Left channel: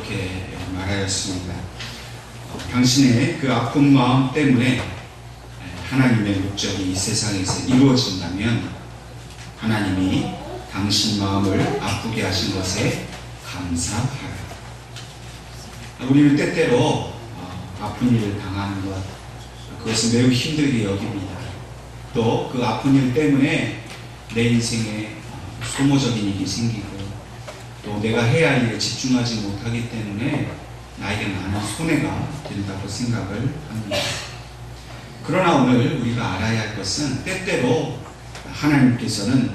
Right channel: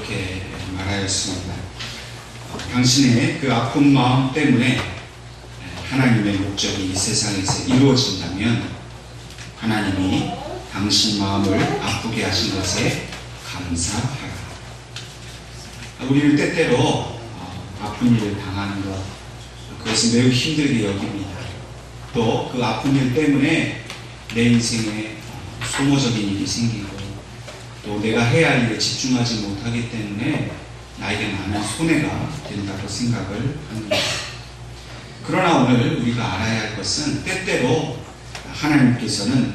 이렇게 말하였습니다. 당신의 그 아픈 마음 때문에 하나님의 목적이 이 세상에서 이루어진다면 하나님이 당신 마음을 아프게 하신 것에 감사하라. 우리는 때때로 아픈 일을 당하는 것, 그것을 매우 힘들게 여깁니다. 또 그 아픈 일 때문에 내 인생에 소모적인 일이 생기고 또 내가 해야 할 일에 집중하지 못하기 때문에 나에게 많은 손해가 된다고 생각을 합니다. 그러나 오늘 우리가 알아야 할 것은 때때로 하나님께서는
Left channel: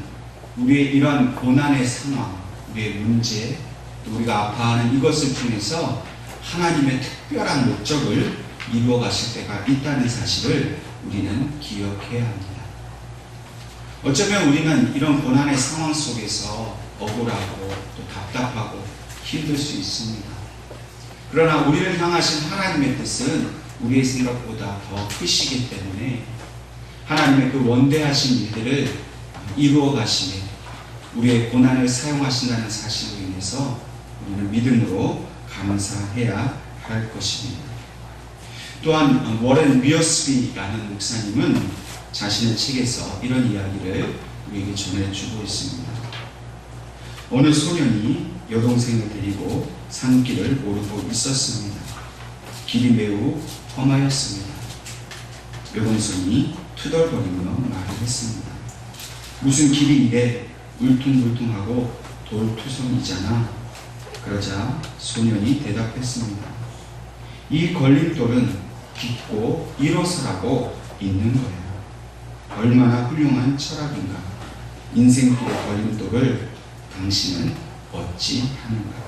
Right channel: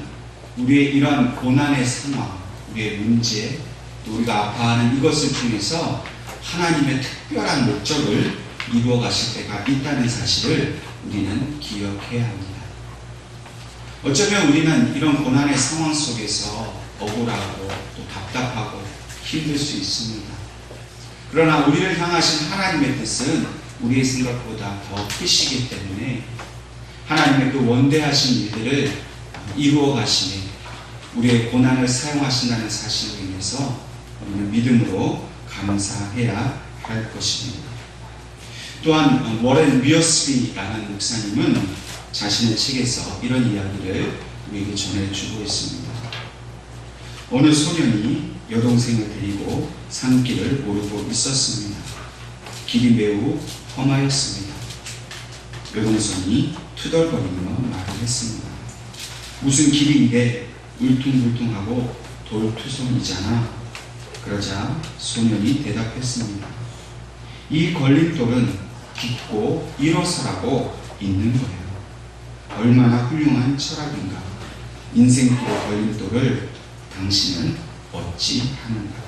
우리의 이러한 고난의 상황, 우리의 문제, 또 우리가 아파하는 이것을 통해서 하나님의 특별한 목적을 이루어 가실 때가 있다는 사실을 우리는 기억해야 합니다. 어쩌면 우리는 이런 고난의 상황 속에서 억울하고 또 답답하고 힘들 수 있습니다. 그러나 우리를 향하신 하나님의 뜻은 우리의 생각보다 더 크시기 때문에 하나님의 그 원대하신 일들을 이루어 가시며 우리의 고난을 사용하신다는 사실로 인해서 우리는 믿음으로 감사해야 할 것입니다. 또한 워렌 위어스비라는 목사님은 자신의 책에서 이런 이야기를 우리에게 전해주고 있습니다. 어느 소년이 여동생을 데리고 산길을 오르고 있었습니다. 길이 매우 험하였습니다. 여동생이 투덜거리며 말을 했습니다. 무슨 길이 이래 울퉁불퉁하고 돌투성이잖아. 그러자 소년이 대답했습니다. 이 걸림돌은 깊고 일어서라고 있는 거예요. 얼마나 훌륭한 철학인가. 인생길의 걸림돌을 당신은 어찌 하는가.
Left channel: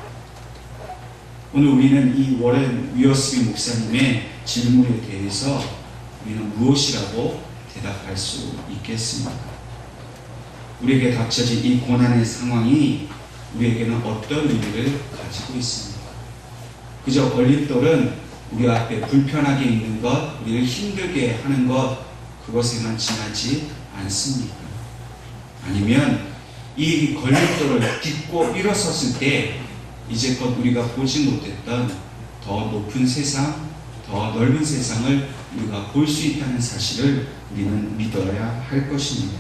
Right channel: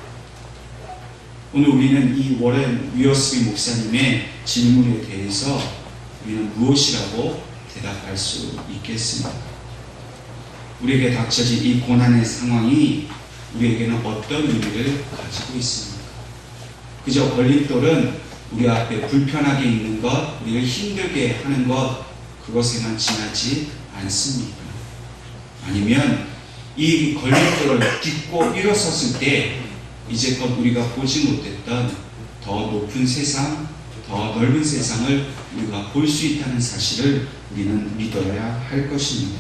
오늘 우리는 이 워렌 위어스비 목사님의 질문에 대해서 우리는 무엇이라고 대답할 수 있겠습니까? 우리에게 닥쳐진 이 고난의 상황이 우리에게는 어떤 의미를 가지고 있습니까? 그저 걸림돌은 우리 앞에 불편하게 있는 것, 우리를 힘들게 하는 것, 그것에만 지나지 않습니까? 아니면 이 걸림돌을 딛고 일어섰을 때 이제껏 우리가 보지 못했던 더 높은 세상, 더 넓은 세상을 우리가 볼 수 있다는 사실을 우리는 믿어야 할 것입니다.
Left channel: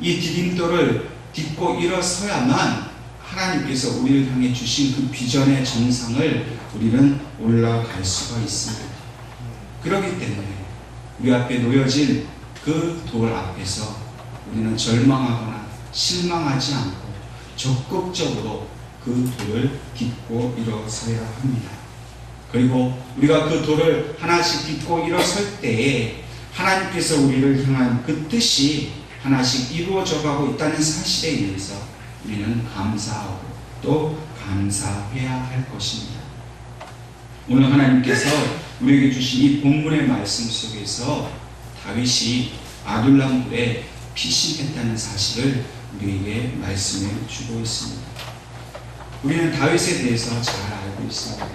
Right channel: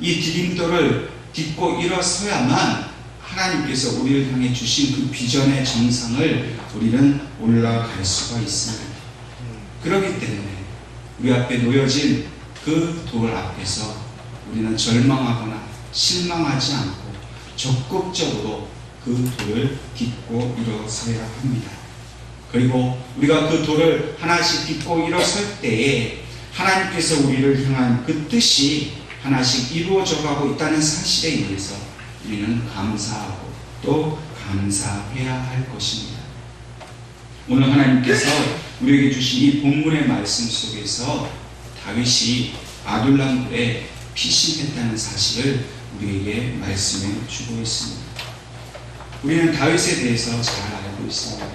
이 디딤돌을 딛고 일어서야만 하나님께서 우리를 향해 주신 그 비전의 정상을 우리는 올라갈 수가 있습니다. 그렇기 때문에 우리 앞에 놓여진 그 돌 앞에서 우리는 절망하거나 실망하지 않고 적극적으로 그 돌을 딛고 일어서야 합니다. 그리고 우리가 그 돌을 하나씩 딛고 일어설 때에 하나님께서 우리를 향한 그 뜻이 하나씩 이루어져 가고 있다는 사실에 의해서 우리는 감사하고 또 감사해야 할 것입니다. 오늘 하나님께서 우리에게 주신 이 본문의 말씀 속에서 다윗이 아둘람굴에 피신했다는 사실을 우리에게 말씀해 주고 있습니다. 우리는 다윗에 대해서 잘 알고 있습니다.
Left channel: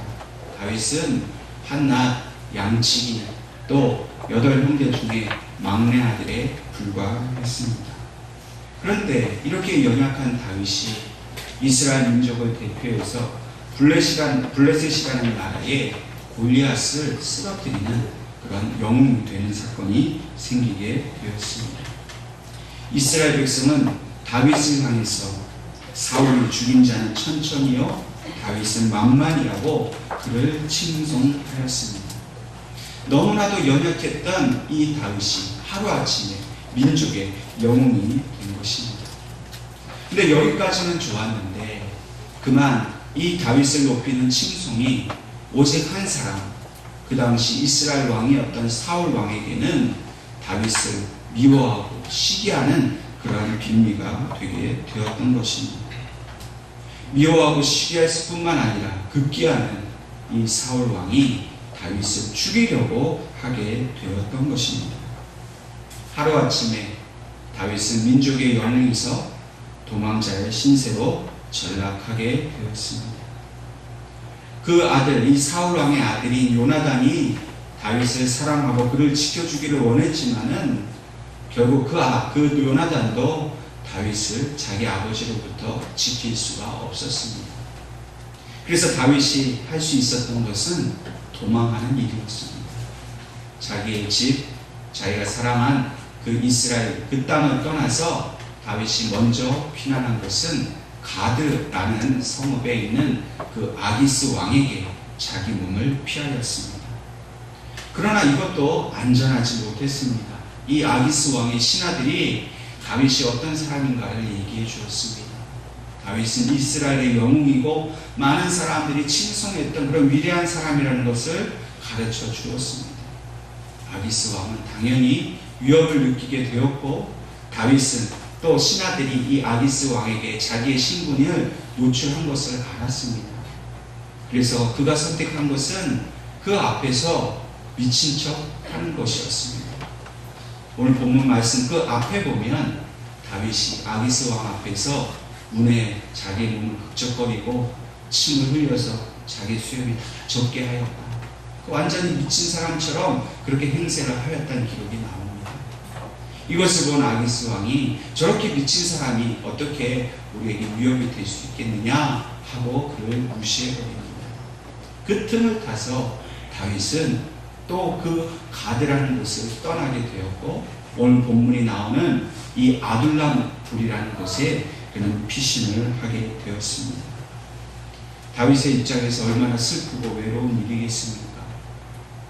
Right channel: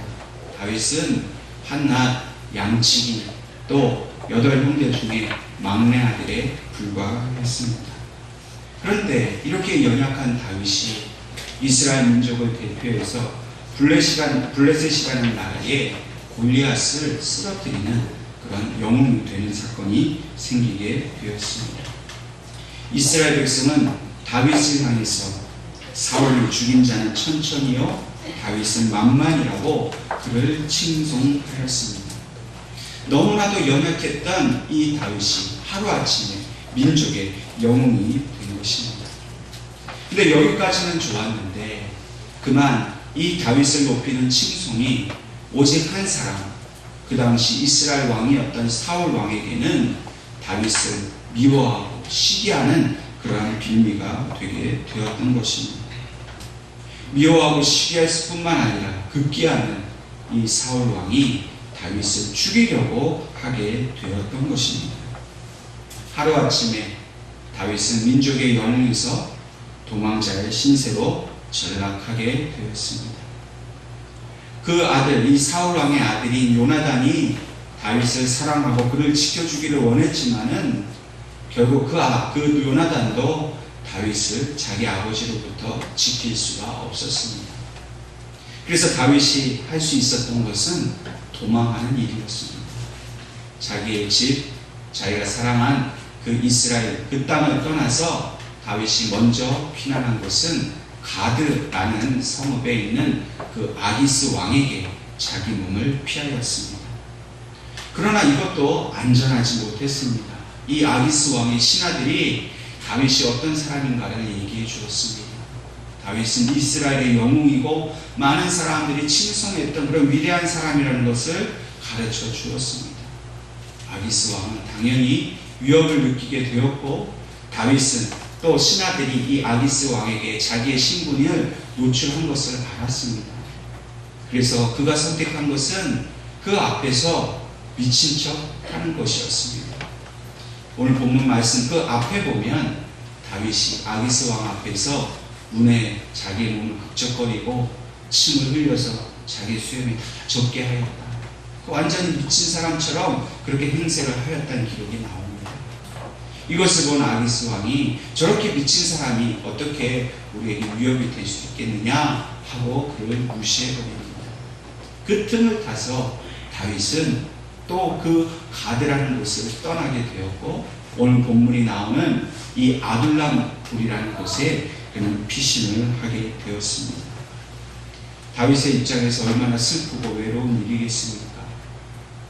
다윗은 한낱 양치기 또 8형제 중에 막내 아들에 불과했습니다. 그런데 이렇게 연약한 다윗이 이스라엘 민족을 대표해서 블레셋이라는 나라에 골리앗을 쓰러뜨리는 그런 영웅이 되는 사건이 생기게 되었습니다. 이스라엘 백성은 다윗을 향해서 사울이 죽인 자는 천천히요 다윗은 만만이라고 그를 칭송하였습니다. 너무나도 연약했던 이 다윗이 하루아침에 민족의 영웅이 된 것입니다. 근데 여기까지는 좋았는데 그만 이 다윗을 높이는 칭송이 오직 한 사람, 그 당시 이스라엘 왕이었던 사울 왕에게는 다윗을 미워하고 시기하는 그러한 빌미가 되게 되었던 것입니다. 미워하고 시기할 뿐만 아니라 급기야는 이 사울 왕이 다윗을 죽이려고 하게 되었던 것입니다. 하루아침에 다윗은 민족의 영웅에서 도망자의 신세로 전락하게 되었습니다. 그 아들, 이 사울 왕의 아들인 요나단이 다윗을 사랑하고 그를 지켜주기를 원했지만은 결국 그 요나단도 다윗을 자기 아버지로부터 지킬 수가 없었습니다. 그래서 다윗이 할 수 있었던 것은 도망하는 일이었습니다. 자기의 집, 자기가 사랑한 그 이스라엘 그 땅을 떠나서 다윗이 먼저 피난한 것은 가드라는 성읍에 있는 그 아기스 왕에게 자기 몸을 피하였습니다. 그러나 이것도 안전하지 못했습니다. 이 아기스 왕의 신하들이 다윗이 어떤 사람인가를 얘기해 주었습니다. 다윗은 이스라엘의 영웅이고 많은 사람들이 칭송했던 그런 위대한 사람이라는 것을 가르쳐 주었습니다. 아기스 왕은 당연히 위협을 느끼게 되었고, 다윗은 또 신하들이 이 아기스 왕에게 자기의 신분을 노출한 것을 알았습니다. 그래서 그가 선택한 것은 그 앞에서 미친 척 하는 것이었습니다. 오늘 본문 말씀 그 앞에 보면 다윗이 아기스 왕 앞에서 문에 자기의 몸을 극적거리고 침을 흘려서 자기 수염이 다 젖게 하였다. 완전히 미친 사람처럼 그렇게 행세를 하였다는 기록이 나옵니다. 이것을 본 아기스 왕이 저렇게 미친 사람이 어떻게 우리에게 위협이 될 수 있겠느냐 하고 그를 무시해버립니다. 그 틈을 타서 다윗은 또 그 가드라는 곳을 떠나게 되었고, 오늘 본문이 나오는 이 아둘람 굴이라는 곳에 그는 피신을 하게 되었습니다. 다윗의 입장에서 얼마나 슬프고 외로운 일이겠습니까?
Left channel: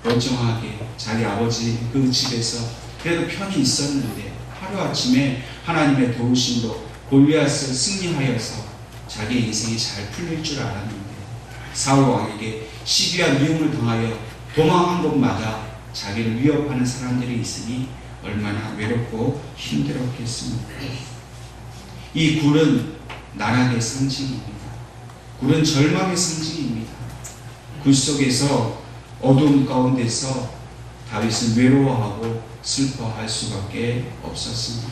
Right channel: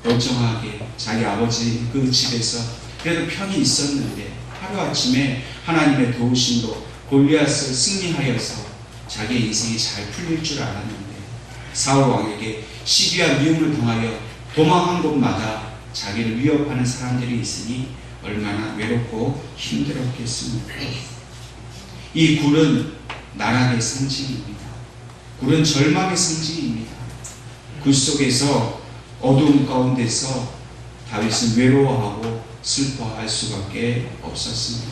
멀쩡하게 자기 아버지 그 집에서 그래도 편히 있었는데 하루아침에 하나님의 도우심으로 골리앗을 승리하여서 자기의 인생이 잘 풀릴 줄 알았는데 사울 왕에게 시기와 미움을 당하여 도망한 곳마다 자기를 위협하는 사람들이 있으니 얼마나 외롭고 힘들었겠습니까? 이 굴은 나락의 상징입니다. 굴은 절망의 상징입니다. 굴 속에서 어두움 가운데서 다윗은 외로워하고 슬퍼할 수밖에 없었습니다.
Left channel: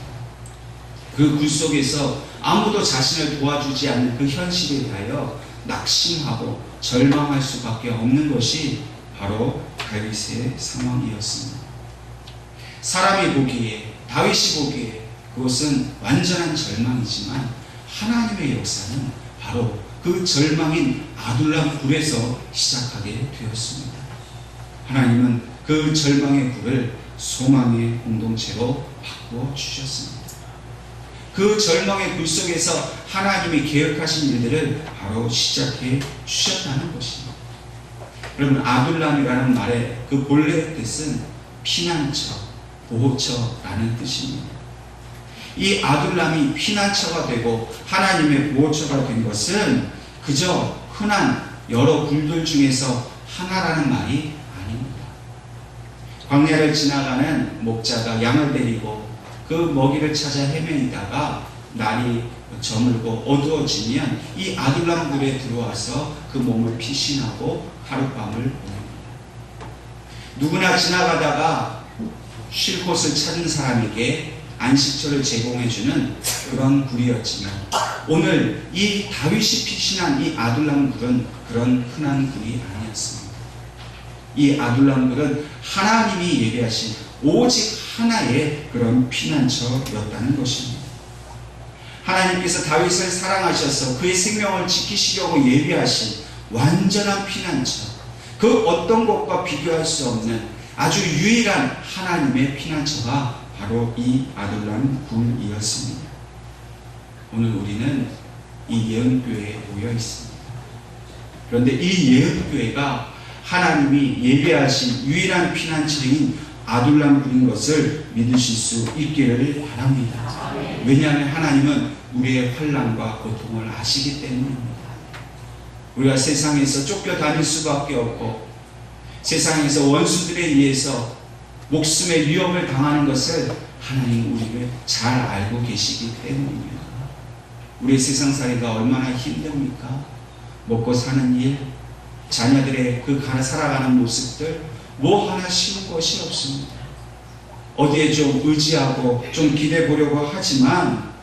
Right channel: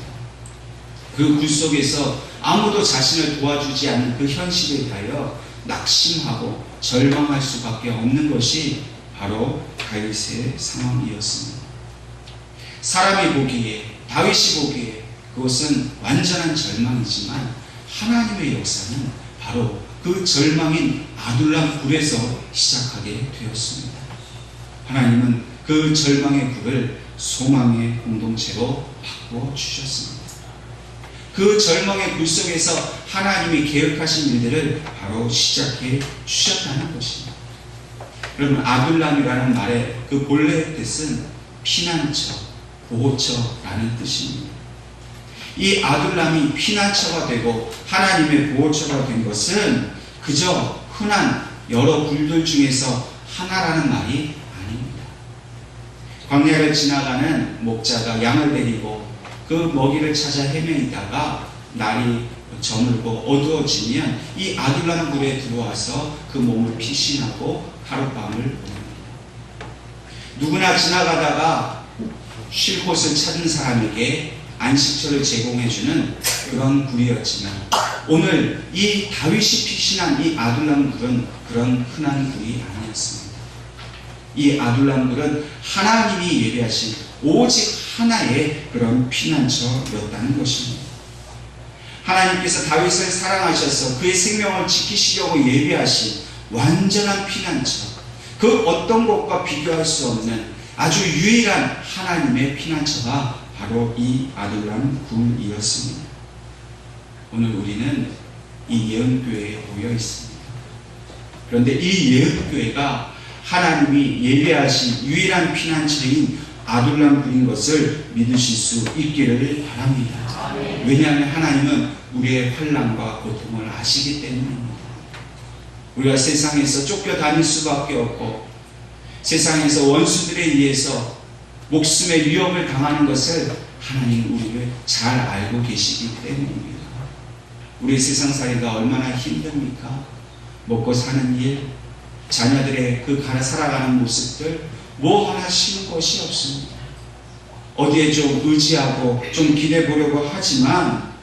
그 굴 속에서 아무도 자신을 도와주지 않는 그 현실에 대하여 낙심하고 절망할 수밖에 없는 것이 바로 다윗의 상황이었습니다. 사람이 보기에, 다윗이 보기에 그것은 완전한 절망이지만 하나님의 역사는 바로 그 절망인 아둘람 굴에서 시작하게 되었습니다. 하나님은 그 절망의 굴을 소망의 공동체로 바꾸어 주셨습니다. 그 절망의 굴 속에서 하나님이 계획하신 일들을 바로 시작해 주셨다는 것입니다. 여러분, 아둘람이라는 말의 그 본래의 뜻은 피난처, 보호처라는 뜻입니다. 이 아둘람이 피난처가 되고 하나님의 보호처가 된 것은 그저 흔한 여러 굴들 중에서 하나라는 말이 아닙니다. 광야를 지나가는 목자가 양을 데리고 그 먹이를 찾아 헤매이다가 날이 저물고 어두워지면 이 아둘람 굴에 들어와서 그 몸을 피신하고 하룻밤을 보냅니다. 누구나 지나가다가 쉴 곳을 찾는 사람에게 안식처를 제공해주는 그런 굴이었지만 오늘 이 다윗이 피신한 이 아둘람 굴은 그런 흔한 굴이 아니었습니다. 이 아둘람 굴은 하나님이 예배하신 오직 하나의 그런 피난처였다는 것입니다. 하나님께서 다윗을 사랑하셔서 그의 생명을 지키시려고 예비하신 완전한 피난처, 그 어떤 것과 비교할 수 없는 아주 유일한 하나님의 피난처가 바로 이 아둘람 굴이었습니다. 오늘 우리는 이 예언교회에 모여 있습니다. 그런데 이 예언교회가 하나님이 예비하신 유일한 피난처인 아둘람 굴인 것을 믿으실 수 있기를 바랍니다. 왜냐하면 하나님은 우리의 환난과 고통을 아시기 때문입니다. 우리가 세상에서 쫓겨다닐 수밖에 없고 세상에서 원수들에 의해서 목숨의 위협을 당하는 것을 하나님 우리를 잘 알고 계시기 때문입니다. 우리 세상살이가 얼마나 힘듭니까? 먹고 사는 일, 자녀들의 그 살아가는 모습들 뭐 하나 쉬운 것이 없습니다. 어디에 좀 의지하고 좀 기대 보려고 하지만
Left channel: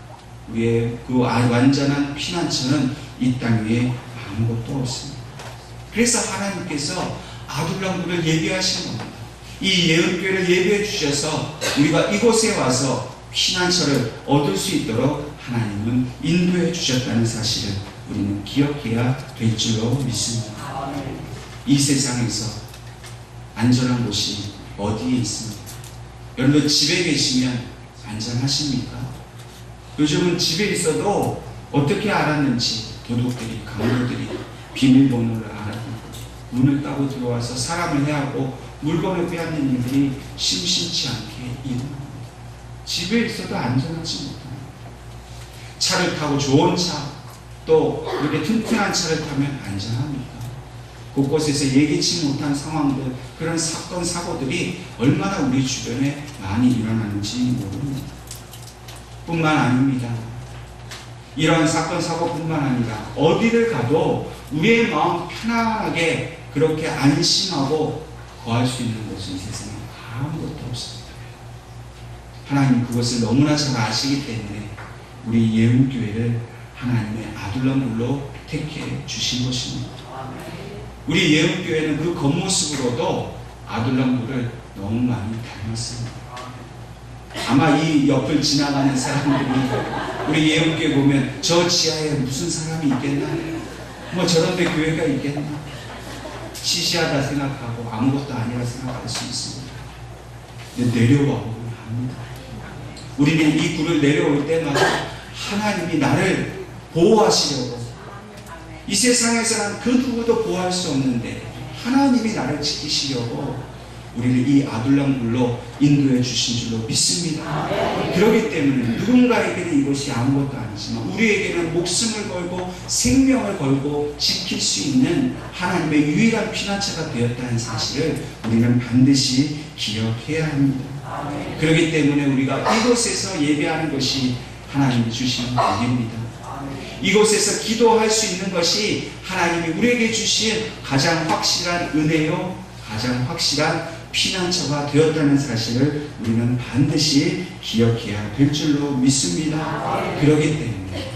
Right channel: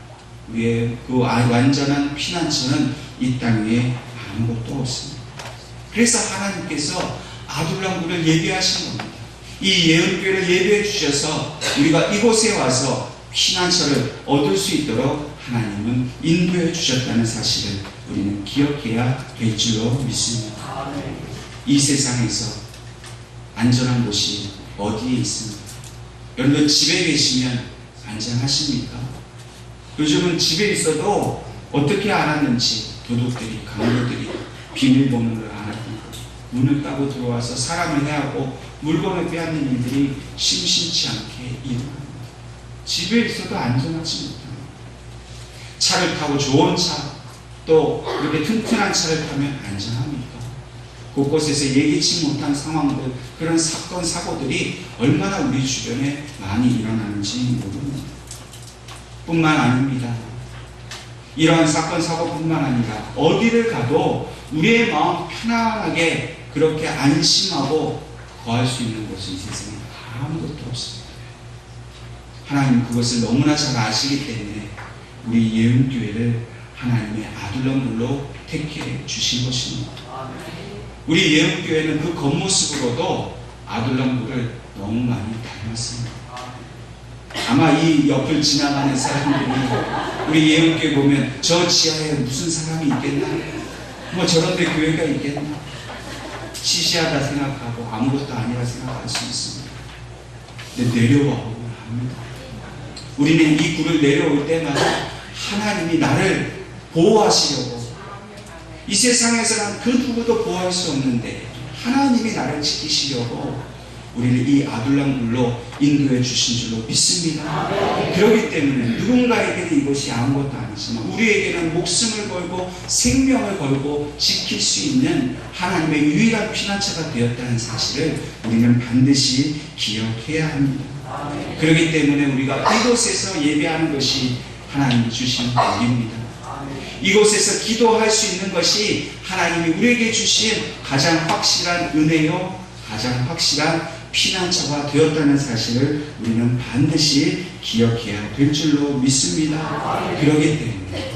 우리의 그 완전한 피난처는 이 땅 위에 아무것도 없습니다. 그래서 하나님께서 아둘람 굴을 예비하신 겁니다. 이 예언교회를 예비해 주셔서 우리가 이곳에 와서 피난처를 얻을 수 있도록 하나님은 인도해 주셨다는 사실을 우리는 기억해야 될 줄로 믿습니다. 이 세상에서 안전한 곳이 어디에 있습니까? 여러분들 집에 계시면 안전하십니까? 요즘은 집에 있어도 어떻게 알았는지 도둑들이, 강도들이 비밀번호를 알아보고 문을 따고 들어와서 사람을 해하고 물건을 빼앗는 일들이 심심치 않게 일어납니다. 집에 있어도 안전하지 못합니다. 차를 타고 좋은 차, 또 이렇게 튼튼한 차를 타면 안전합니까? 곳곳에서 예기치 못한 상황들, 그런 사건, 사고들이 얼마나 우리 주변에 많이 일어나는지 모릅니다. 뿐만 아닙니다. 이러한 사건, 사고뿐만 아니라 어디를 가도 우리의 마음 편안하게 그렇게 안심하고 거할 수 있는 곳은 이 세상에 아무것도 없습니다. 하나님 그것을 너무나 잘 아시기 때문에 우리 예은교회를 하나님의 아들놈으로 택해 주신 것입니다. 우리 예은교회는 그 겉모습으로도 아들놈을 너무 많이 닮았습니다. 아마 이 옆을 지나가는 사람들이 우리 예은교회 보면 저 지하에 무슨 사람이 있겠나? 뭐 저런데 교회가 있겠나? 시시하다 생각하고 아무것도 아니라 생각할 수 있습니다. 근데 내려와 보면 압니다. 우리는 이 굴을 내려올 때마다 하나님이 나를 보호하시려고, 이 세상에서는 그 누구도 보호할 수 없는데 하나님이 나를 지키시려고 우리를 이 아둘람 굴로 인도해 주신 줄로 믿습니다. 그렇기 때문에 누군가에게는 이것이 아무것도 아니지만 우리에게는 목숨을 걸고 생명을 걸고 지킬 수 있는 하나님의 유일한 피난처가 되었다는 사실을 우리는 반드시 기억해야 합니다. 그렇기 때문에 우리가 이곳에서 예배하는 것이 하나님이 주신 복입니다. 이곳에서 기도할 수 있는 것이 하나님이 우리에게 주신 가장 확실한 은혜요, 가장 확실한 피난처가 되었다는 사실을 우리는 반드시 기억해야 될 줄로 믿습니다. 그렇기 때문에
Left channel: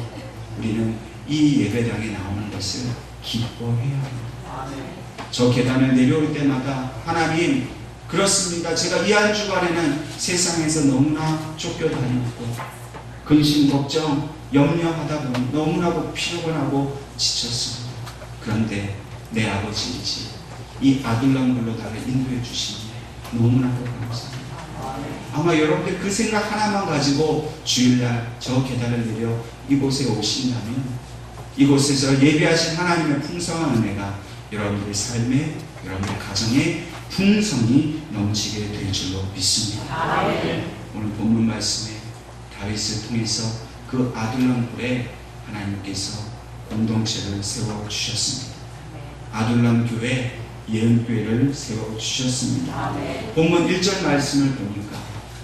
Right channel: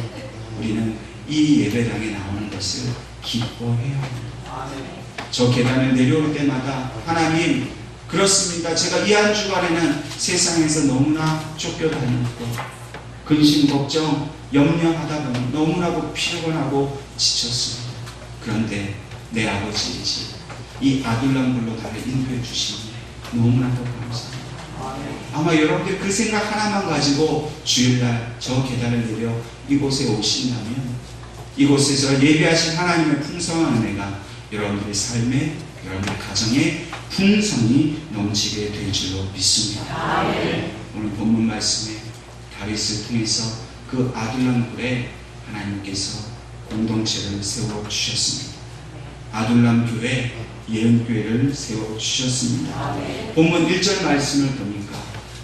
우리는 이 예배당에 나오는 것을 기뻐해야 합니다. 저 계단을 내려올 때마다 하나님, 그렇습니다. 제가 이 한 주간에는 세상에서 너무나 쫓겨다녔고 근심, 걱정, 염려하다 보니 너무나도 피곤하고 지쳤습니다. 그런데 내 아버지이지 이 아둘람굴로 나를 인도해 주시니 너무나도 감사합니다. 아마 여러분들 그 생각 하나만 가지고 주일날 저 계단을 내려 이곳에 오신다면 이곳에서 예배하신 하나님의 풍성한 은혜가 여러분들의 삶에, 여러분들의 가정에 풍성이 넘치게 될 줄로 믿습니다. 오늘 본문 말씀에 다윗을 통해서 그 아둘람굴에 하나님께서 공동체를 세워주셨습니다. 아둘람 교회, 예은교회를 세워주셨습니다. 본문 1절 말씀을 보니까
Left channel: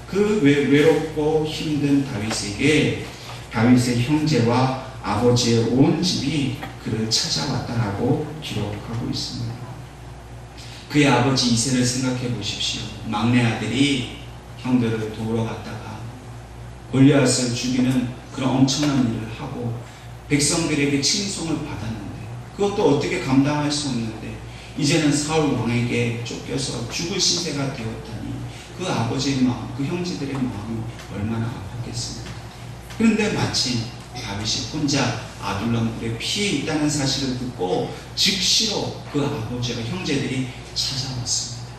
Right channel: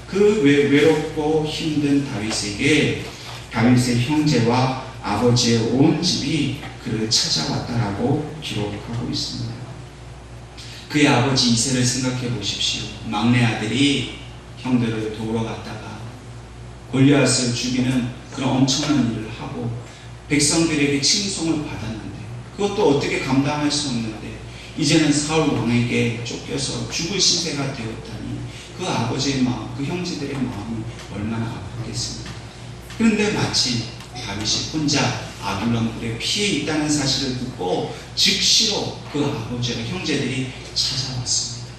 그 외롭고 힘든 다윗에게 다윗의 형제와 아버지의 온 집이 그를 찾아왔다라고 기록하고 있습니다. 그의 아버지 이새를 생각해 보십시오. 막내 아들이 형들을 도우러 갔다가 골리앗을 죽이는 그런 엄청난 일을 하고 백성들에게 칭송을 받았는데 그것도 어떻게 감당할 수 없는데 이제는 사울 왕에게 쫓겨서 죽을 신세가 되었다니 그 아버지의 마음, 그 형제들의 마음이 얼마나 아팠겠습니까? 그런데 마침 다윗이 혼자 아둘람굴에 피해 있다는 사실을 듣고 즉시로 그 아버지와 형제들이 찾아왔습니다.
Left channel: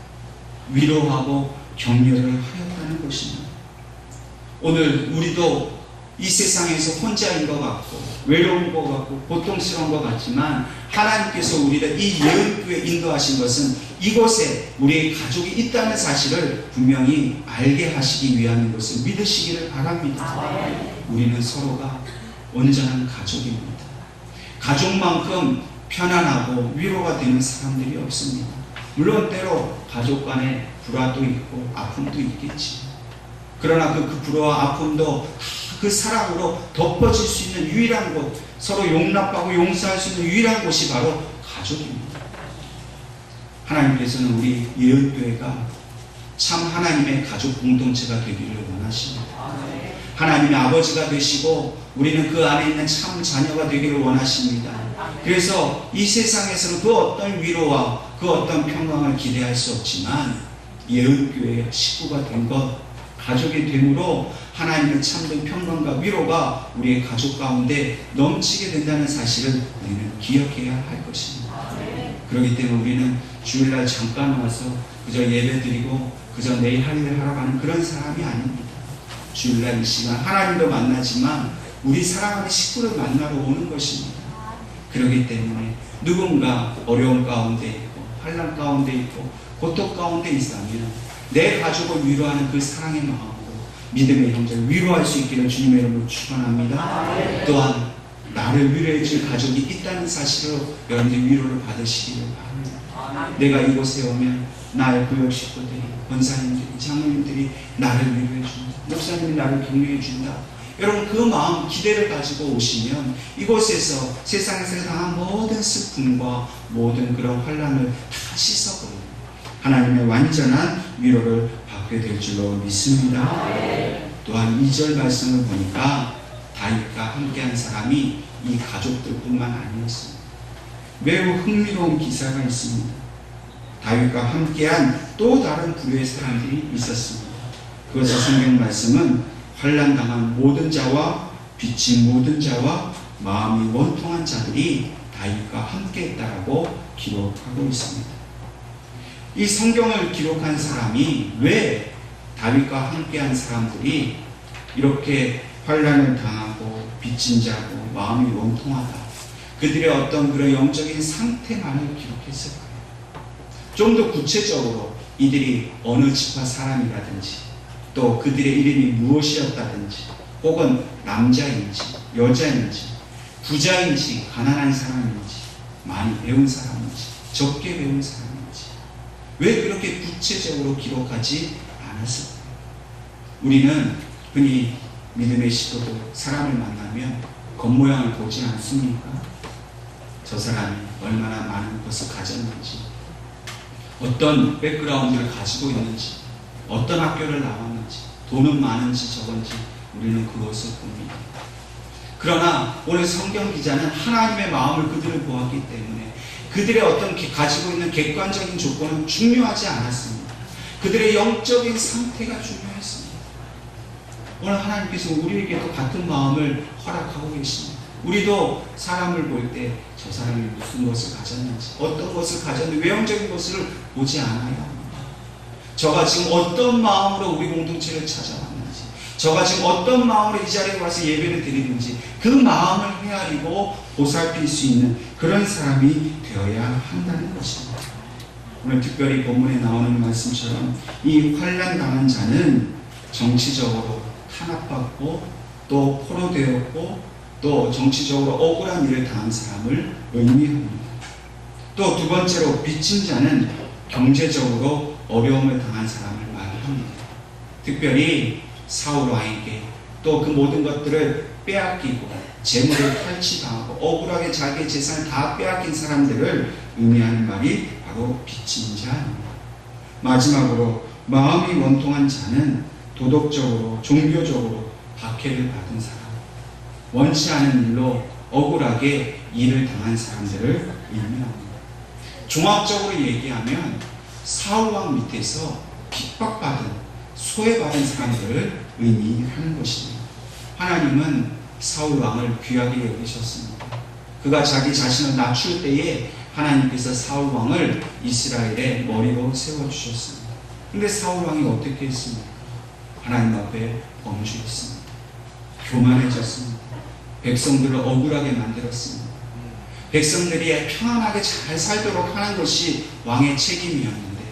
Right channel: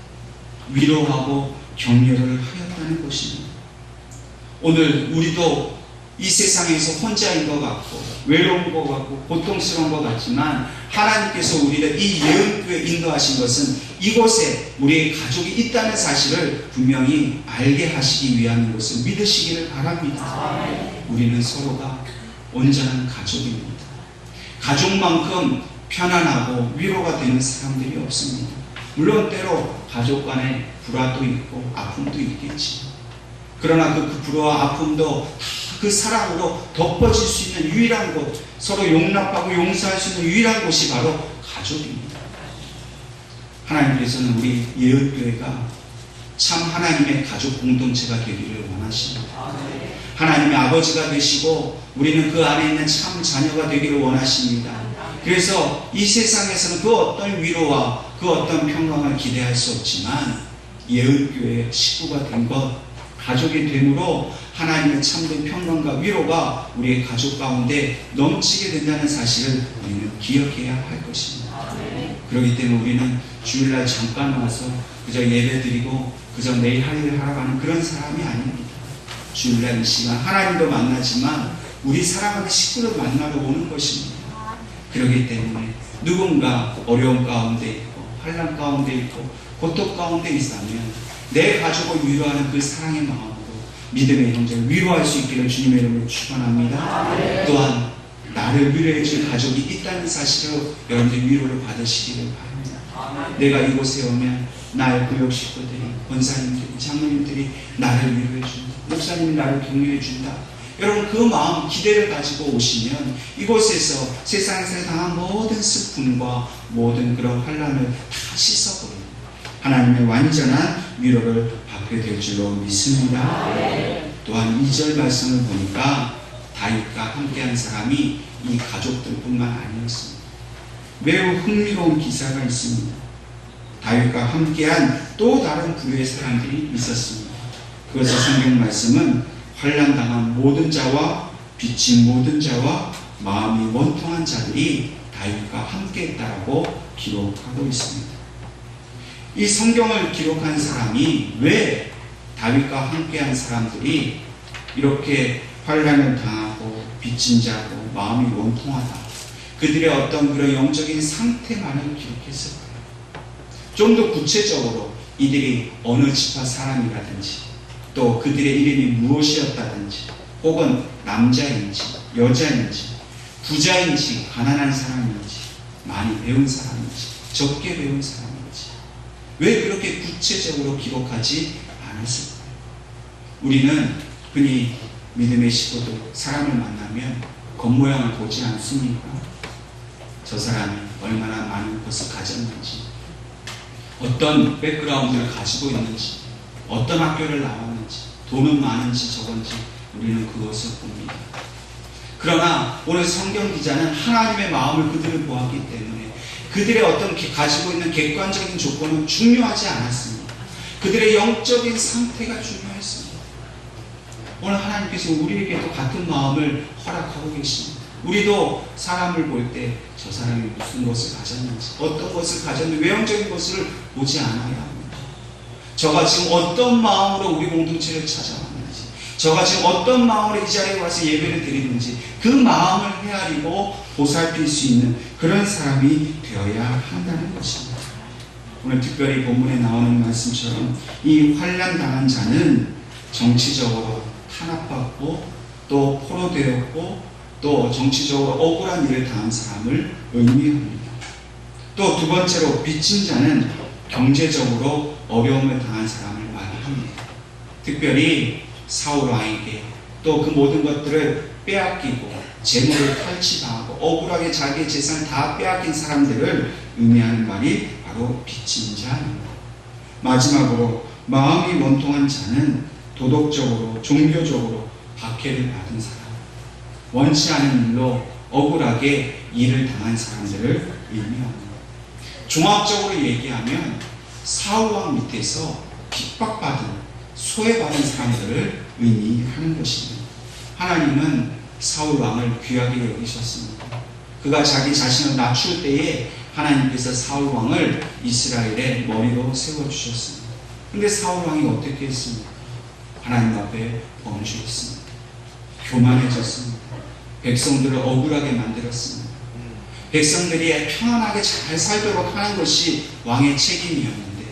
위로하고 격려를 하였다는 것입니다. 오늘 우리도 이 세상에서 혼자인 것 같고 외로운 것 같고 고통스러운 것 같지만 하나님께서 우리를 이 예은교회에 인도하신 것은 이곳에 우리의 가족이 있다는 사실을 분명히 알게 하시기 위함인 것을 믿으시기를 바랍니다. 우리는 서로가 온전한 가족입니다. 가족만큼 편안하고 위로가 되는 사람들이 없습니다. 물론 때로 가족 간에 불화도 있고 아픔도 있겠지. 그러나 그 불화와 아픔도 그 사랑으로 덮어질 수 있는 유일한 곳, 서로 용납하고 용서할 수 있는 유일한 곳이 바로 가족입니다. 하나님께서는 우리 예은교회가 참 하나님의 가족 공동체가 되기를 원하십니다. 하나님의 아버지가 되시고 우리는 그 안에 있는 참 자녀가 되기를 원하십니다. 그래서 이 세상에서는 그 어떤 위로와 그 어떤 평강을 기대할 수 없지만 예은교회 식구가 된 것 가족이 됨으로 하나님의 참된 평강과 위로가 우리의 가족 가운데 넘치게 된다는 사실을 우리는 기억해야 할 것입니다. 그렇기 때문에 우리는 주일날 잠깐 와서 그저 예배드리고 그저 내일 할 일 하러 가는 그런 사람이 아닙니다. 주일날 이 시간 하나님도 만나지만 우리 사랑하는 식구를 만나러 오는 것입니다. 그렇기 때문에 누군가 어려움 가운데 있고 환난 가운데 있고 고통 가운데 있다면 내 가족을 위로하는 그 사랑의 마음으로 믿음의 형제를 위로할 수 있기를 주님의 이름으로 축원합니다. 또한 나를 위로해 줄 가족이 있다는 사실로 여러분들 위로를 받으시기를 바랍니다. 내가 이곳에 오면 나의 구역 식구들이, 권사님들이, 장로님들이 나를 위로해 준다. 목사님이 나를 격려해 준다. 여러분 그 마음 기대를 가지고 오시면 이곳에서 세상에서 당한 모든 슬픔과 모든 그런 환난을 다 씻어버리는 하나님의 완전한 위로를 받게 될 줄로 믿습니다. 또한 2절 말씀을 보니까 다윗과 함께한 사람이 이 가족들뿐만 아니었습니다. 매우 흥미로운 기사가 있습니다. 다윗과 함께한 또 다른 부류의 사람들이 있었습니다. 그것의 성경 말씀은 환난당한 모든 자와 빚진 모든 자와 마음이 원통한 자들이 다윗과 함께했다라고 기록하고 있습니다. 이 성경을 기록한 사람이 왜 다윗과 함께한 사람들이 이렇게 환난을 당하고 빚진 자고 마음이 원통하다, 그들의 어떤 그런 영적인 상태만을 기록했을까요? 좀 더 구체적으로 이들이 어느 지파 사람이라든지 또 그들의 이름이 무엇이었다든지 혹은 남자인지 여자인지 부자인지 가난한 사람인지 많이 배운 사람인지 적게 배운 사람인지 왜 그렇게 구체적으로 기록하지 않았을까요? 우리는 흔히 믿음의 식구들 사람을 만나면 겉모양을 보지 않습니까? 저 사람이 얼마나 많은 것을 가졌는지, 어떤 백그라운드를 가지고 있는지, 어떤 학교를 나왔는지, 돈은 많은지 적은지 우리는 그것을 봅니다. 그러나 오늘 성경 기자는 하나님의 마음을 그들을 보았기 때문에 그들의 어떤 가지고 있는 객관적인 조건은 중요하지 않았습니다. 그들의 영적인 상태가 중요했습니다. 오늘 하나님께서 우리에게도 같은 마음을 허락하고 계십니다. 우리도 사람을 볼 때 저 사람이 무슨 것을 가졌는지, 어떤 것을 가졌는지, 외형적인 것을 보지 않아야 합니다. 저가 지금 어떤 마음으로 우리 공동체를 찾아왔는지, 저가 지금 어떤 마음으로 이 자리에 와서 예배를 드리는지 그 마음을 헤아리고 보살필 수 있는 그런 사람이 되어야 한다는 것입니다. 오늘 특별히 본문에 나오는 말씀처럼 이 환난 당한 자는 정치적으로 탄압받고 또 포로되었고 또 정치적으로 억울한 일을 당한 사람을 의미합니다. 또 두 번째로 빚진 자는 경제적으로 어려움을 당한 사람을 말합니다. 특별히 사울 왕에게 또 그 모든 것들을 빼앗기고 재물을 탈취당하고 억울하게 자기의 재산을 다 빼앗긴 사람들을 의미하는 말이 바로 빚진 자입니다. 마지막으로 마음이 원통한 자는 도덕적으로 종교적으로 박해를 받은 사람, 원치 않은 일로 억울하게 일을 당한 사람들을 의미합니다. 종합적으로 얘기하면 사울왕 밑에서 핍박받은, 소외받은 사람들을 의미하는 것입니다. 하나님은 사울왕을 귀하게 여기셨습니다. 그가 자기 자신을 낮출 때에 하나님께서 사울왕을 이스라엘의 머리로 세워주셨습니다. 그런데 사울왕이 어떻게 했습니까? 하나님 앞에 범죄했습니다. 교만해졌습니다. 백성들을 억울하게 만들었습니다. 백성들이 편안하게 잘 살도록 하는 것이 왕의 책임이었는데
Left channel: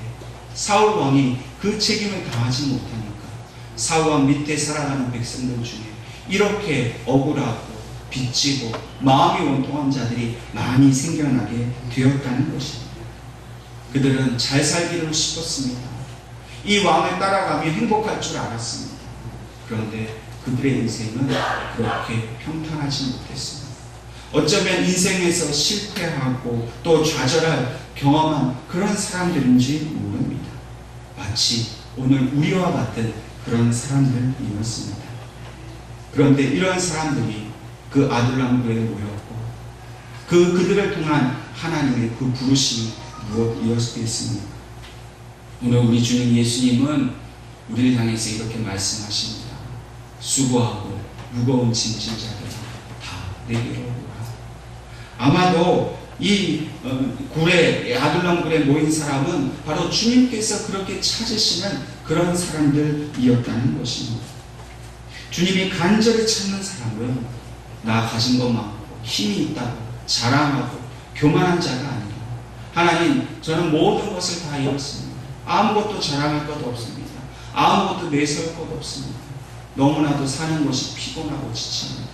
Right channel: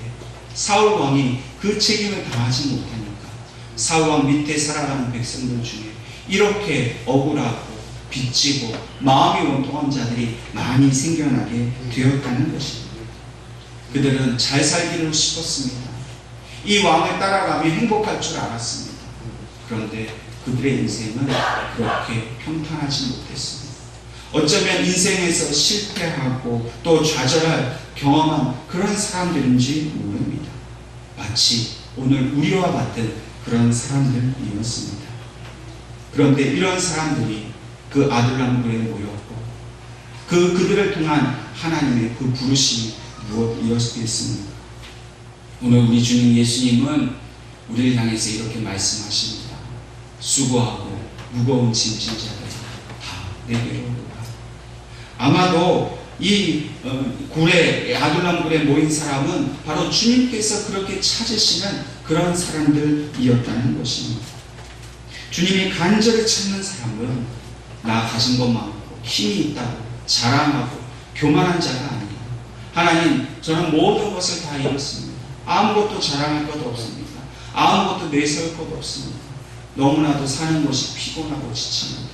사울 왕이 그 책임을 다하지 못하니까 사울 왕 밑에 살아가는 백성들 중에 이렇게 억울하고 빚지고 마음이 원통한 자들이 많이 생겨나게 되었다는 것입니다. 그들은 잘 살기를 싶었습니다. 이 왕을 따라가며 행복할 줄 알았습니다. 그런데 그들의 인생은 그렇게 평탄하지 못했습니다. 어쩌면 인생에서 실패하고 또 좌절할 경험한 그런 사람들인지 모릅니다. 마치 오늘 우리와 같은 그런 사람들이었습니다. 그런데 이런 사람들이 그 아둘람굴에 모였고 그들을 통한 하나님의 그 부르심이 무엇이었겠습니까? 오늘 우리 주님 예수님은 우리를 향해서 이렇게 말씀하십니다. 수고하고 무거운 짐진 자들아 다 내게로 오라. 아마도 이 굴에, 아둘람 굴에 모인 사람은 바로 주님께서 그렇게 찾으시는 그런 사람들이었다는 것입니다. 주님이 간절히 찾는 사람은 나 가진 것 많고 힘이 있다고 자랑하고 교만한 자가 아니라, 하나님 저는 모든 것을 다 잃었습니다. 아무것도 자랑할 것 없습니다. 아무것도 내세울 것 없습니다. 너무나도 사는 것이 피곤하고 지칩니다.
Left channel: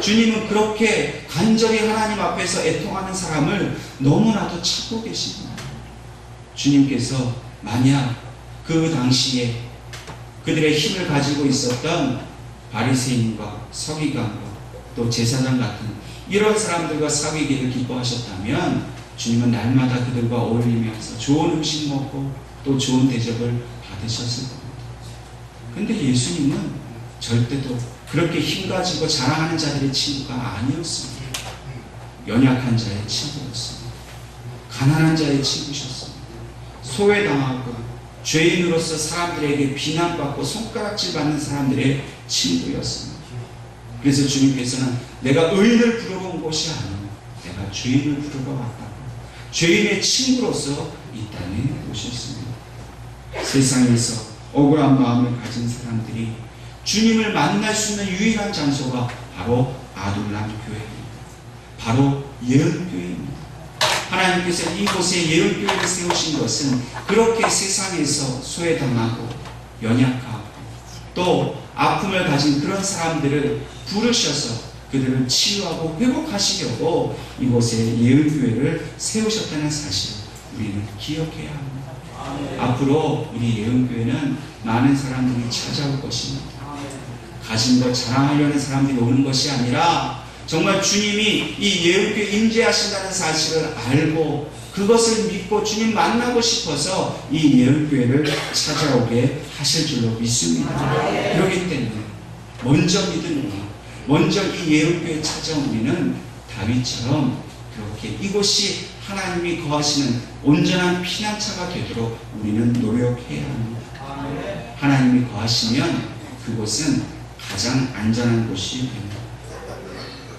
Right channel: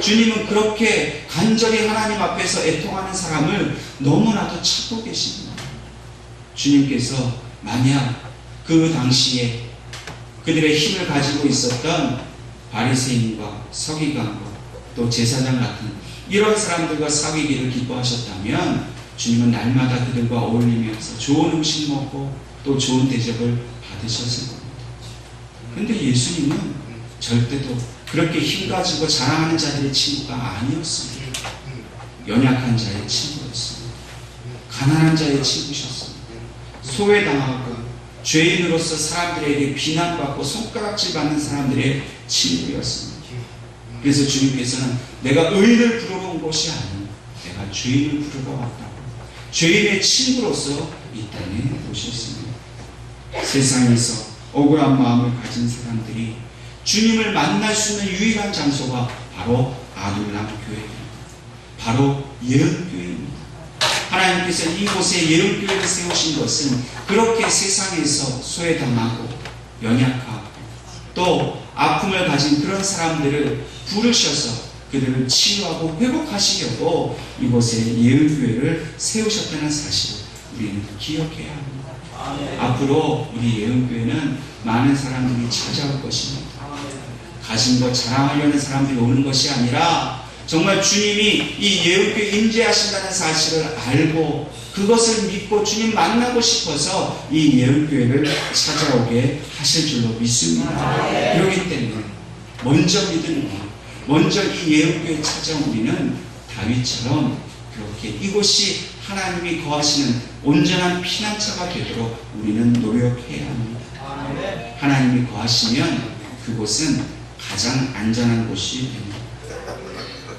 주님은 그렇게 간절히 하나님 앞에서 애통하는 사람을 너무나도 찾고 계십니다. 주님께서 만약 그 당시에 그들의 힘을 가지고 있었던 바리새인과 서기관과 또 제사장 같은 이런 사람들과 사귀기를 기뻐하셨다면 주님은 날마다 그들과 어울리면서 좋은 음식 먹고 또 좋은 대접을 받으셨을 겁니다. 그런데 예수님은 절대도 그렇게 힘 가지고 자랑하는 자들의 친구가 아니었습니다. 연약한 자의 친구였습니다. 가난한 자의 친구셨습니다. 소외당하고 죄인으로서 사람들에게 비난받고 손가락질 받는 사람들의 친구였습니다. 그래서 주님께서는 내가 의인을 부르러 온 것이 아니고 내가 죄인을 부르러 왔다고 죄인의 친구로서 이 땅에 오셨습니다. 세상에서 억울한 마음을 가진 사람들이 주님을 만날 수 있는 유일한 장소가 바로 아둘람 교회입니다. 바로 예언교회입니다. 하나님께서 이곳에 예언교회를 세우신 것은 그렇게 세상에서 소외당하고 연약하고 또 아픔을 가진 그런 사람들을 부르셔서 그들을 치유하고 회복하시려고 이곳에 예언교회를 세우셨다는 사실을 우리는 기억해야 합니다. 앞으로 우리 예언교회는 많은 사람들이 찾아올 것입니다. 가진 것 자랑하려는 사람들이 오는 것이 아니라 정말 주님이 이 예언교회에 임재하신다는 사실을 알고 그것을 믿고 주님 만나고 싶어서 이 예언교회를 찾아오게 하실 줄로 믿습니다. 그렇기 때문에 먼저 믿으면 먼저 이 예언교회에 찾아온 우리는 다윗처럼 그렇게 이곳이 하나님이 거하시는 온전한 피난처가 되도록 우리는 노력해야 합니다. 하나님이 거하시면 그곳은 가장 안전한 곳이 됩니다.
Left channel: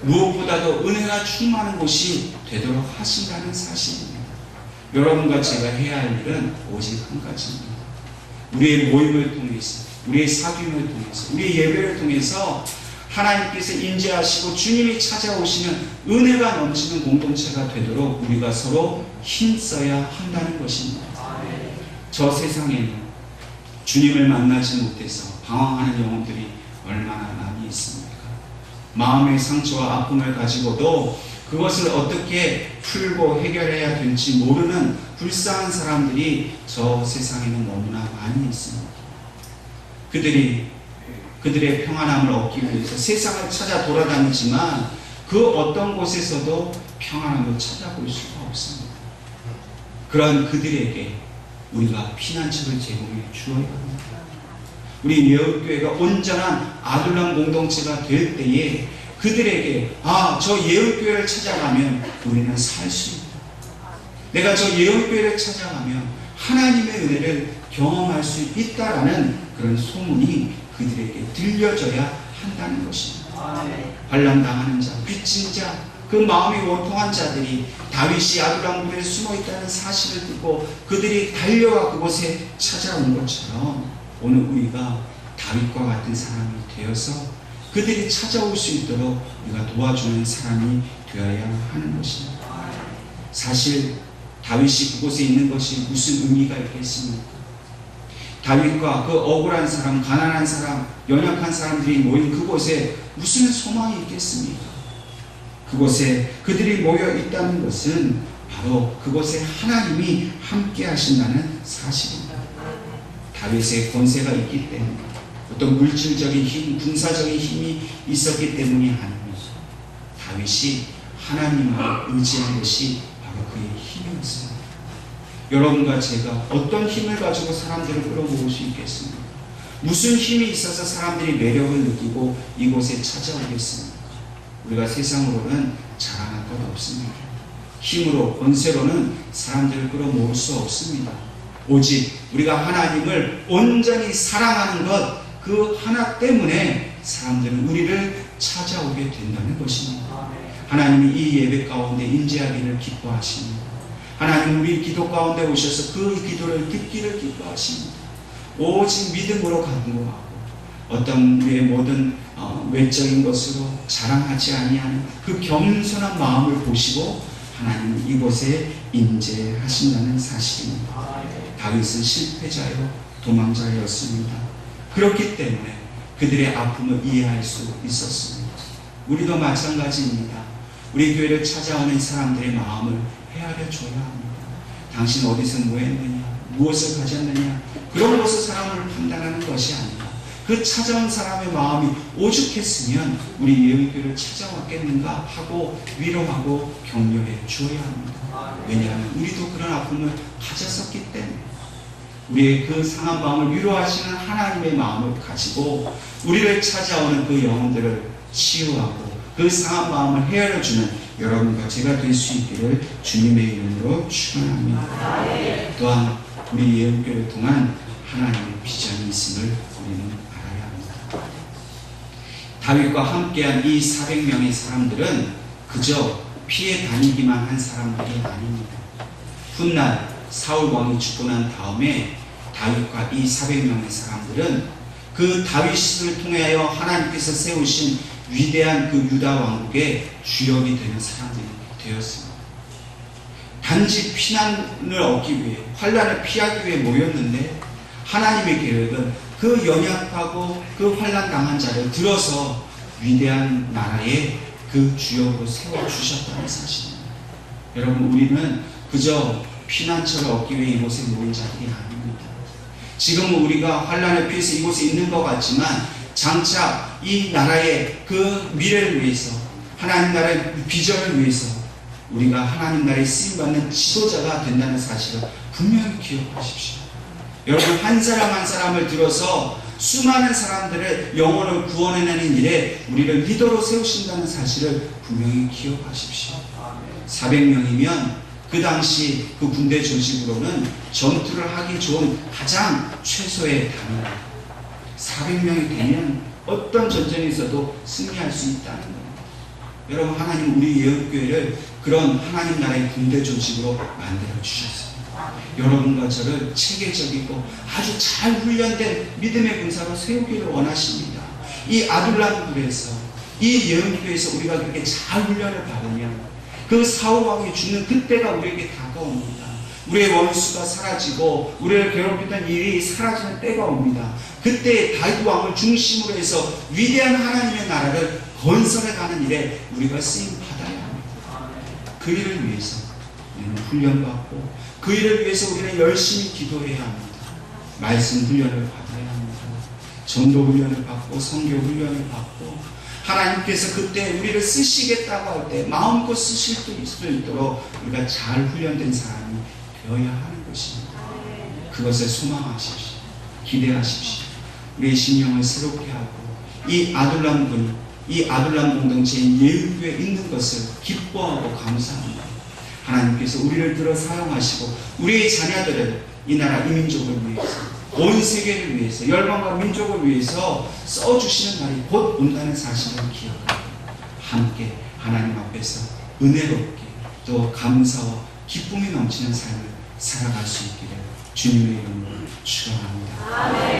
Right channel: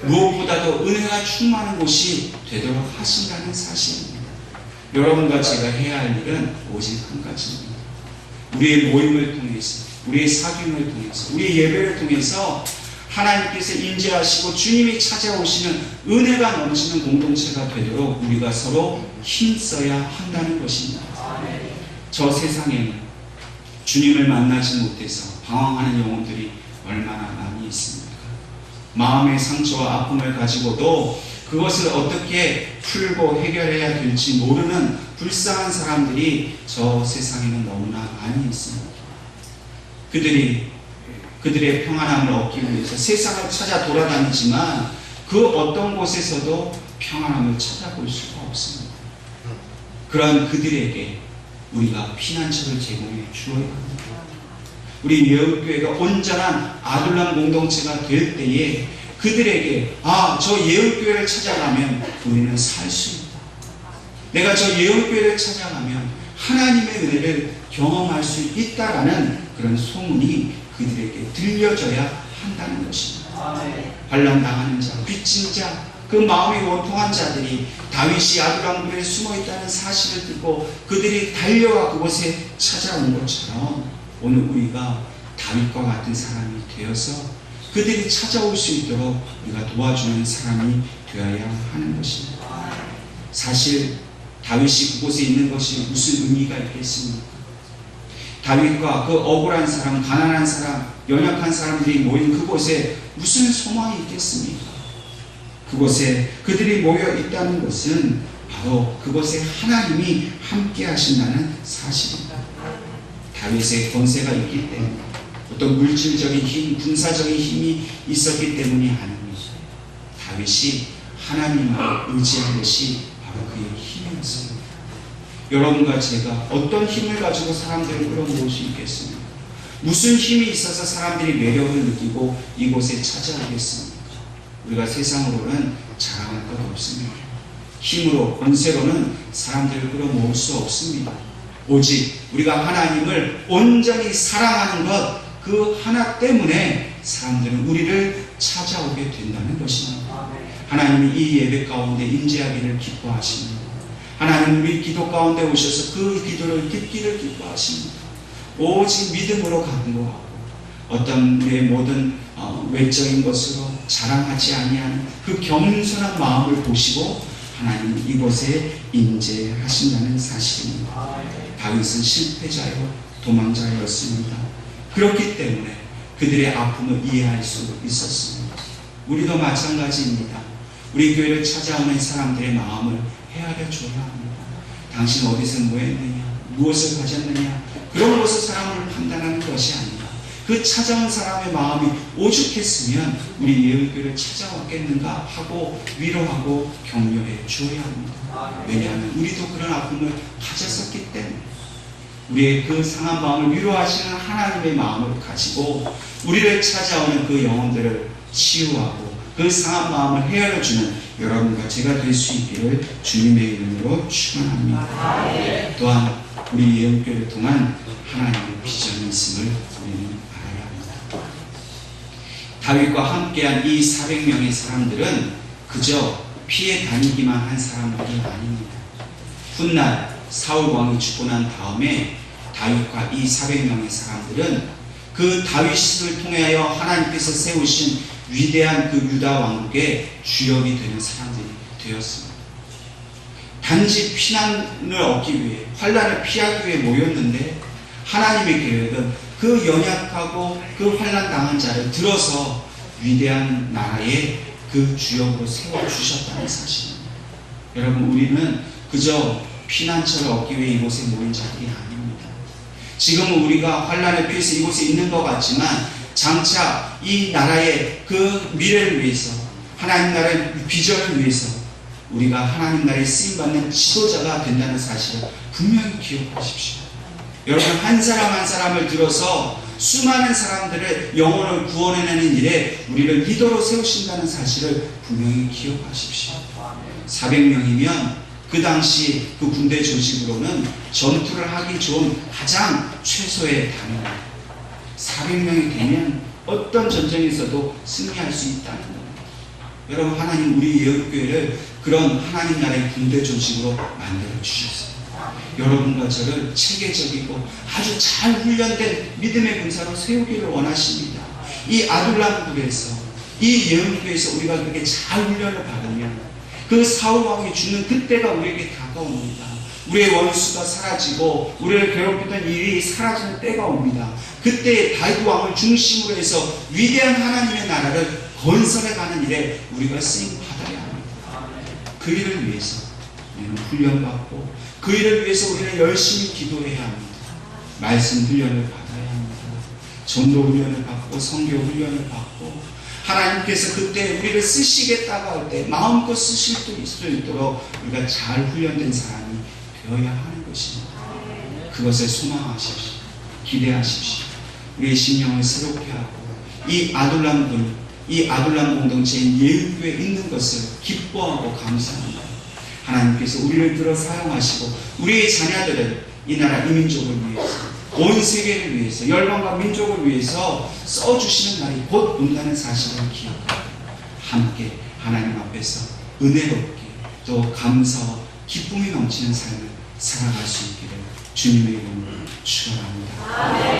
무엇보다도 은혜가 충만한 곳이 되도록 하신다는 사실입니다. 여러분과 제가 해야 할 일은 오직 한 가지입니다. 우리의 모임을 통해서, 우리의 사귐을 통해서, 우리의 예배를 통해서 하나님께서 임재하시고 주님이 찾아오시는 은혜가 넘치는 공동체가 되도록 우리가 서로 힘써야 한다는 것입니다. 저 세상에는 주님을 만나지 못해서 방황하는 영혼들이 얼마나 많이 있습니까? 마음의 상처와 아픔을 가지고도 그것을 어떻게 풀고 해결해야 될지 모르는 불쌍한 사람들이 저 세상에는 너무나 많이 있습니다. 그들의 평안함을 얻기 위해서 세상을 찾아 돌아다니지만 그 어떤 곳에서도 평안함을 찾아볼 수가 없습니다. 그러한 그들에게 우리가 피난처를 제공해 주어야 합니다. 우리 예언교회가 온전한 아둘람 공동체가 될 때에 그들에게 저 예언교회를 찾아가면 우리는 살 수 있다. 내가 저 예언교회를 찾아가면 하나님의 은혜를 경험할 수 있다라는 그런 소문이 그들에게 들려져야 한다는 것입니다. 환난당하는 자, 빚진 자, 그 마음이 원통한 자들이 다윗이 아둘람 굴에 숨어 있다는 사실을 듣고 그들이 달려와 그곳에 찾아온 것처럼 오늘 우리가 다윗과 같은 사람이 되어서 그들이 찾아올 수 있도록 우리가 도와주는 사람이 되어야 하는 것입니다. 사실 다윗이 그곳에 있는 것이 무슨 의미가 있겠습니까? 다윗과 그 억울한 사람, 가난한 사람, 연약한 사람들이 모인 그곳에 무슨 소망이 있겠습니까? 그곳에 그들이 모여 있다는 것은 바로 그곳에 하나님이 함께 하신다는 사실입니다. 다윗의 권세가 있기 때문에 어떤 물질적인 힘, 군사적인 힘이 있었기 때문이 아닙니다. 다윗이 하나님을 의지한 것이 바로 그의 힘이었습니다. 여러분과 제가 어떤 힘을 가지고 사람들을 끌어모을 수 있겠습니까? 무슨 힘이 있어서 사람들이 매력을 느끼고 이곳에 찾아오겠습니까? 우리가 세상으로는 자랑할 것 없습니다. 힘으로, 권세로는 사람들을 끌어모을 수 없습니다. 오직 우리가 하나님을 온전히 사랑하는 것, 그 하나 때문에 사람들은 우리를 찾아오게 된다는 것입니다. 하나님이 이 예배 가운데 임재하기를 기뻐하십니다. 하나님 우리 기도 가운데 오셔서 그 기도를 듣기를 기뻐하십니다. 오직 믿음으로 간구하고 어떤 우리의 모든 외적인 것으로 자랑하지 아니하는 그 겸손한 마음을 보시고 하나님 이곳에 임재하신다는 사실입니다. 다윗은 실패자요 도망자였습니다. 그렇기 때문에 그들의 아픔을 이해할 수 있었습니다. 우리도 마찬가지입니다. 우리 교회를 찾아오는 사람들의 마음을 헤아려 줘야 합니다. 당신 어디서 뭐 했느냐, 무엇을 가졌느냐, 그런 것을 사람을 판단하는 것이 아니라 그 찾아온 사람의 마음이 오죽했으면 우리 예언교회를 찾아왔겠는가 하고 위로하고 격려해 주어야 합니다. 왜냐하면 우리도 그런 아픔을 가졌었기 때문에 우리의 그 상한 마음을 위로하시는 하나님의 마음을 가지고 우리를 찾아오는 그 영혼들을 치유하고 그 상한 마음을 헤아려주는 여러분과 제가 될 수 있기를 주님의 이름으로 축원합니다. 또한 우리 예언교회를 통한 하나님의 비전이 있음을 우리는 알아야 합니다. 다윗과 함께한 이 400명의 사람들은 그저 피해 다니기만 한 사람들이 아닙니다. 훗날 사울 왕이 죽고 난 다음에 다윗과 이 400명의 사람들은 그 다윗을 통하여 하나님께서 세우신 위대한 그 유다 왕국의 주역이 되는 사람들이 되었습니다. 단지 피난을 얻기 위해, 환난을 피하기 위해 모였는데 하나님의 계획은 그 연약하고 그 환난 당한 자를 들어서 위대한 나라의 그 주역으로 세워주셨다는 사실입니다. 여러분, 우리는 그저 피난처를 얻기 위해 이곳에 모인 자들이 아닙니다. 지금은 우리가 환난을 피해서 이곳에 있는 것 같지만 장차 이 나라의 그 미래를 위해서, 하나님 나라의 비전을 위해서 우리가 하나님 나라에 쓰임받는 지도자가 된다는 사실을 분명히 기억하십시오. 여러분, 한 사람 한 사람을 들어서 수많은 사람들을 영혼을 구원해내는 일에 우리를 리더로 세우신다는 사실을 분명히 기억하십시오. 400명이면 그 당시 그 군대 조직으로는 전투를 하기 좋은 가장 최소의 단위입니다. 400명이 되면 어떤 전쟁에서도 승리할 수 있다는 겁니다. 여러분, 하나님 우리 예언교회를 그런 하나님 나라의 군대 조직으로 만들어 주셨어요. 여러분과 저를 체계적이고 아주 잘 훈련된 믿음의 군사로 세우기를 원하십니다. 이 아둘람굴에서, 이 예언교회에서 우리가 그렇게 잘 훈련을 받으면 그 사울 왕이 죽는 그때가 우리에게 다가옵니다. 우리의 원수가 사라지고 우리를 괴롭히던 일이 사라지는 때가 옵니다. 그때 다윗 왕을 중심으로 해서 위대한 하나님의 나라를 건설해가는 일에 우리가 쓰임 받아야 합니다. 그 일을 위해서 우리는 훈련받고 그 일을 위해서 우리는 열심히 기도해야 합니다. 말씀 훈련을 받아야 합니다. 전도 훈련을 받고 성교 훈련을 받고 하나님께서 그때 우리를 쓰시겠다고 할 때 마음껏 쓰실 수 있도록 우리가 잘 훈련된 사람이 되어야 하는 것입니다. 그것을 소망하십시오. 기대하십시오. 우리의 심령을 새롭게 하고 이 아둘람군, 이 아둘람 공동체인 예언교회에 있는 것을 기뻐하고 감사합니다. 하나님께서 우리를 들어 사용하시고 우리의 자녀들을 이 나라 이 민족을 위해서, 온 세계를 위해서, 열방과 민족을 위해서 써주시는 날이 곧 온다는 사실을 기억하고 함께 하나님 앞에서 은혜롭게 또 감사와 기쁨이 넘치는 삶을 살아갈 수 있기를 주님의 이름으로 축원합니다.